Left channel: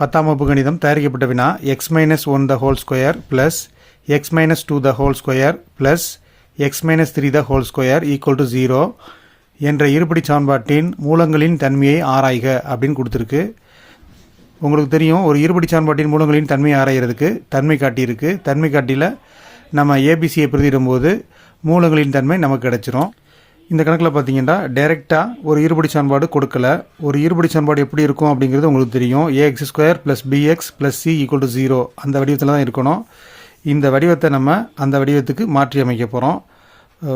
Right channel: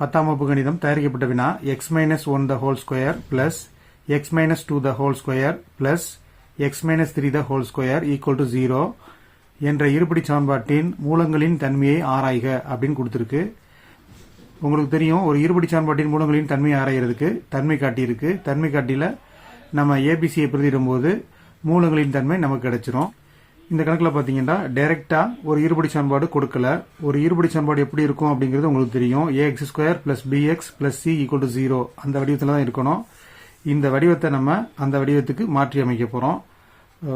10ஆம் வகுப்பு கணிதம் தயாரிக்கப்பட்ட வினா x-1 the whole square plus x-2 the whole square plus x-3 the whole square equal to 0 என்ற இருபடி சான்பாட்டின் மூலங்களின் தன்மையை ஆராய்க அப்படின்னு கொடுத்துருக்கு. உங்களுக்கு தெரியும், ஒரு இருபடி சான்பாட்டின் மூலங்களின் தன்மையை ஆராய்கிறதுக்கு தன்மை காட்டி இருக்குது. தன்மை காட்டியில் நம்ம ஏபிசியை பிரதியிடும்போது மூலங்களின் தன்மை நமக்கு கிடச்சிரும். இந்த கணக்கில் பார்த்தீங்கன்னா டைரெக்டாக ஒரு இருபடி சான்பாடு கொடுக்கல. ஒரு இருபடி சான்பாடு எப்படி இருக்கும் அப்படிங்கிறது உங்களுக்கு தெரியும். ax² + bx + c = 0 அந்த வடிவத்தில் தான் இருக்கணும். இந்த வடிவத்தை நம்ம அந்த வடிவத்துக்கு மாற்றி அமைக்க போகிறோம்.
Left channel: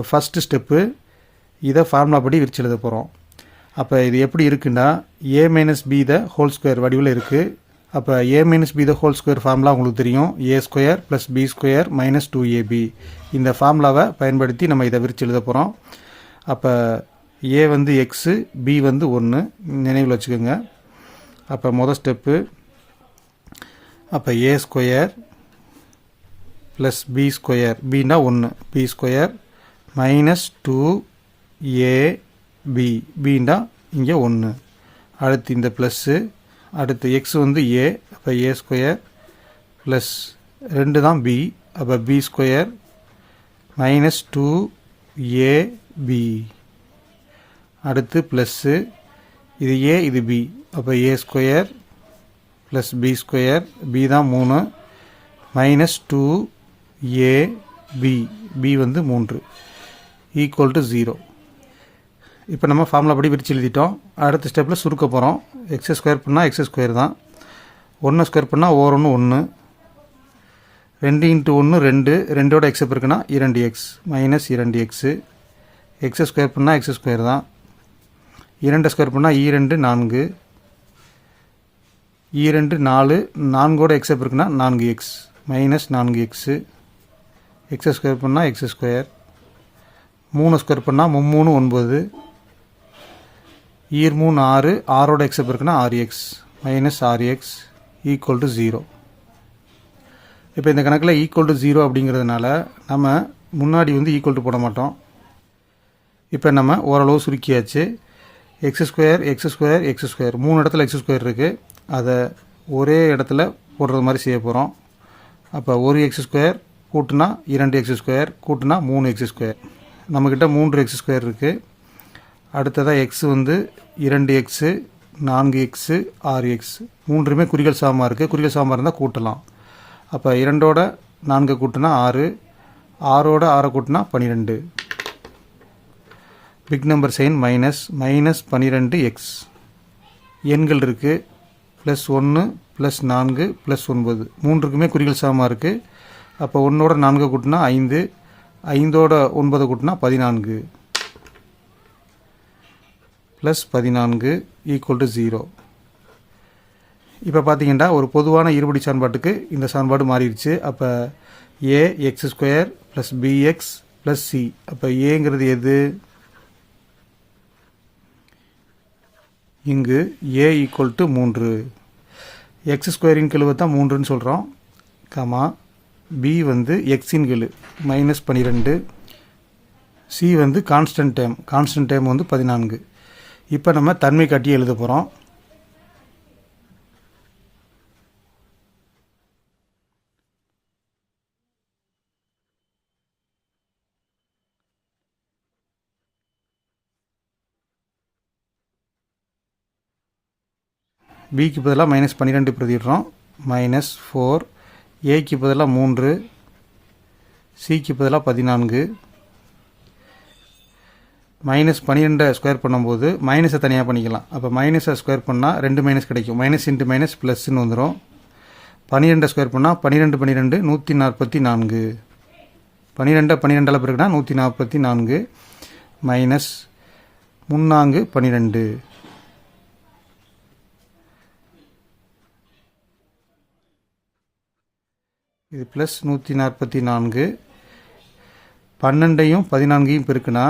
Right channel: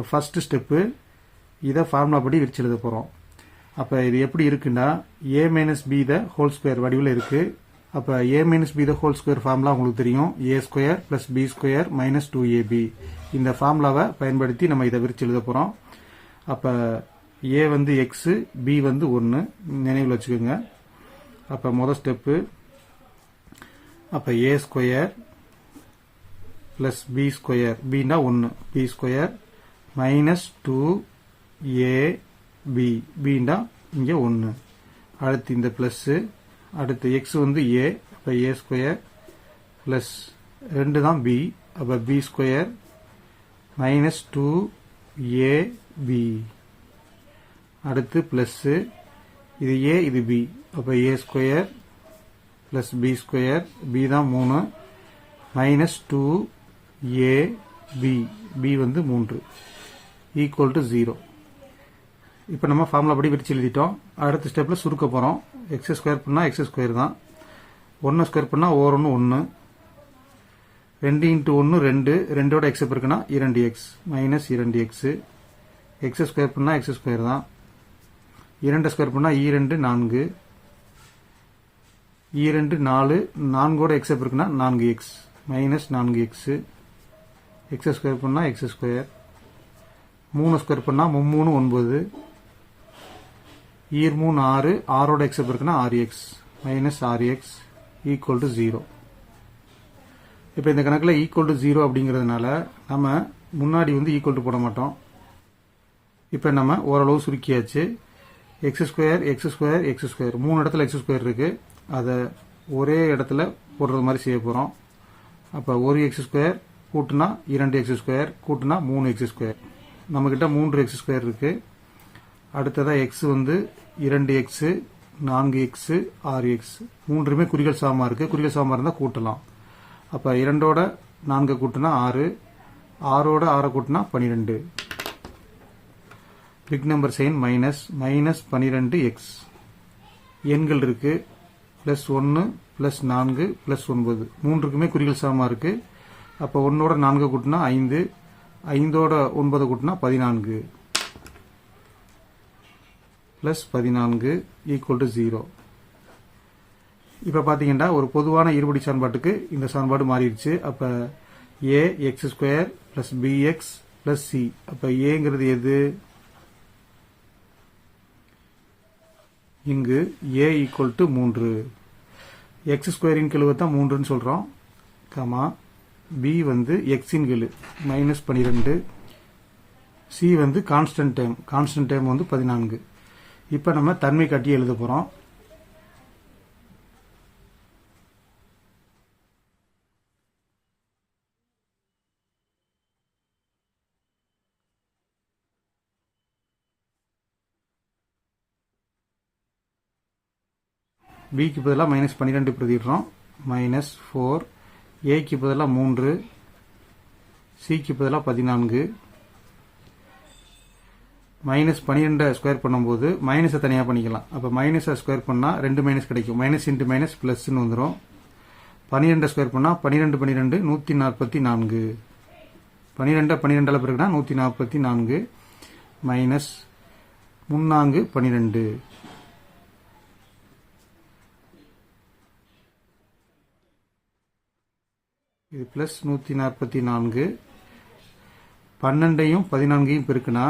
ஃபஸ்ட்டு ஸ்டெப்பு, இதை ஃபார்முலா படி விரிச்சு எழுத போகிறோம். அப்போ இது எப்படி இருக்குன்னா a - b the whole square வடிவில் இருக்குது. அப்போ a - b the whole square formula உங்களுக்கு தெரியும். a² + b² - 2ab. இந்த ஃபார்முலாவை பயன்படுத்தி நம்ம இதை விரிச்சு எழுத போகிறோம். அப்போ a வந்து x, b வந்து 1 நினைவில் வச்சுக்கோங்க. அப்போ மொதல் ஸ்டெப்பு, அப்போ a² + b², bனா 1, b² - 2ab, bனா இங்கே 1. அடுத்து இந்த ப்ளஸ்ஸு, அடுத்து x வந்து a, அப்போ a² ப்ளஸ் 2 தான் b, அப்போ b² - 2ab. அடுத்து ப்ளஸ்ஸு, இது a இது b, அப்போ a² + b², b தான் 3 - 2ab, b வந்து 3 = 0. இப்போ நம்ம ஃபார்முலா படி விரிச்சு எழுதிட்டோம். அடுத்த ஸ்டெப்பில் சுருக்க போகிறோம். x² பண்ணால் x² தான், 1² பண்ணால் ஓர் 1 1, 2 × 1 2, 2ஓட x இருக்குன்னா 2x - 2x, x² பண்ணால் x² தான், 2² பண்ணால் 2 4, 2 4, 4ஓட x இருக்குன்னா 4x - 4x, x² பண்ணால் x², 3² பண்ணால் 3 9, 3 6, 6ஓட x இருக்குன்னா 6x - 6x = 0. இப்போ இந்த கணக்கில் =0 அப்படிங்கிறதுனால நம்ம முன்னாடி வந்து ஈக்குவல் போட மாட்டோம். இப்போ நம்ம ஓரளவு சுருக்கியாச்சு. x², 3 இடத்துல x² இருக்குது. அதை ஒரே இடத்துல போடுறது மாதிரி செய்ய போகிறோம். அப்போ ஒரு x² கூட்டினா 2x² கூட்டினா 3x². நம்மக்கிட்ட 3x² இருக்குது. அடுத்ததாக x வந்து 2x, 4x, 6x, மூன்றுமே குறிகள் சாமா இருக்குது. குறிகள் சாமா இருந்தால் கூட்டலாம். அப்போ 2ஓட 4 கூட்டினா 6, 6ஓட 6 கூட்டினா 12. Big number sign -12x. எண்கள் இருக்குது, +1 +4 +9, மூன்றுக்குமே குறிகள் சமமாக இருக்குது. அப்போ 1ஓட 4 கூட்டினா 5, 5ஓட 9 கூட்டினா 14 +14 = 0. இப்போ பார்த்தீங்கன்னா ஒரு பொதுவான இருபடி சான்பாட்டுக்கு இந்த சான்பாடு மாறிடுச்சு. அப்போ ax² + bx + c. அப்போ ஏங்கிறது எது? இங்கு a = 3. x² கெழுவை தான் 3ன்னு சொல்கிறோம். கமா b வந்து x கெழு -12, c வந்து கான்ஸ்டன்ட் டேர்ம் வந்து 14. இப்போ நம்ம தன்மை காட்டி எழுத போகிறோம். பிக்கு பதிலாக -12 பிரதிடுறோம். -4, ஏக்கு பதிலாக 3, சிக்கு பதிலாக 14. -12 ஸ்கொயர் பண்ணும்போது மைனஸை தனியாக பண்ணிக்கலாம். அப்போ மைனஸை ஸ்கொயர் பண்ணால் 2 மைனஸ் கிடைக்கும். -× +ன்னு வந்துடும். 12 ஸ்கொயர் பண்ணால் 12 12 144. 12 12 பிறகுனா 144 -3 12. இது +144. 12ஐயும் 14ஐயும் பெருக்குனா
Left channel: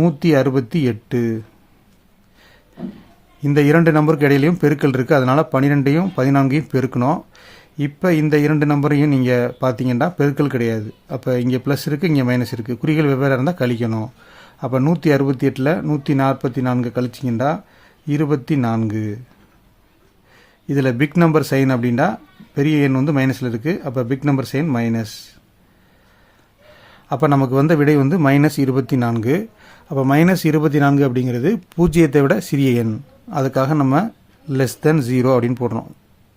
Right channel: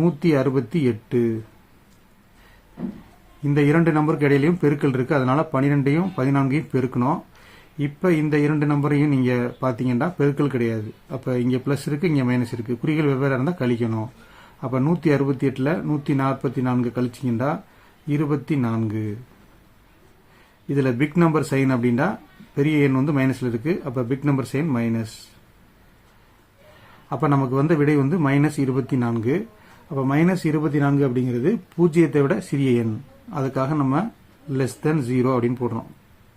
168. இந்த இரண்டு நம்பருக்கு இடையிலையும் பெருக்கல் இருக்குது. அதனால் 12ஐயும் 14ஐயும் பெருக்கணும். இப்போ இந்த இரண்டு நம்பரையும் நீங்கள் பார்த்தீங்கன்னா பெருக்கல் கிடையாது. அப்போ இங்கே ப்ளஸ் இருக்குது, இங்கே மைனஸ் இருக்குது. குறிகள் வெவ்வேறு இருந்தால் கழிக்கணும். அப்போ 168ல் 144 கழிச்சிங்கன்னா 24. இதில் பிக் நம்பர் சைன் அப்படின்னா பெரிய எண் வந்து மைனஸில் இருக்குது. அப்போ பிக் நம்பர் சைன் மைனஸ். அப்போ நமக்கு வந்த விடை வந்து -24. அப்போ -24 அப்படிங்கிறது பூஜ்ஜியத்தை விட சிறிய எண். அதுக்காக நம்ம <0 அப்படின்னு போடுறோம்.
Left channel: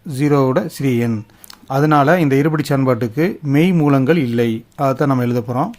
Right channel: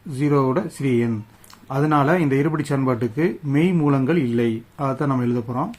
0வோட சிறிய எண். அதனால் இந்த இருபடி சமன்பாட்டுக்கு மெய் மூலங்கள் இல்லை. அதை தான் நம்ம எழுத போகிறோம்.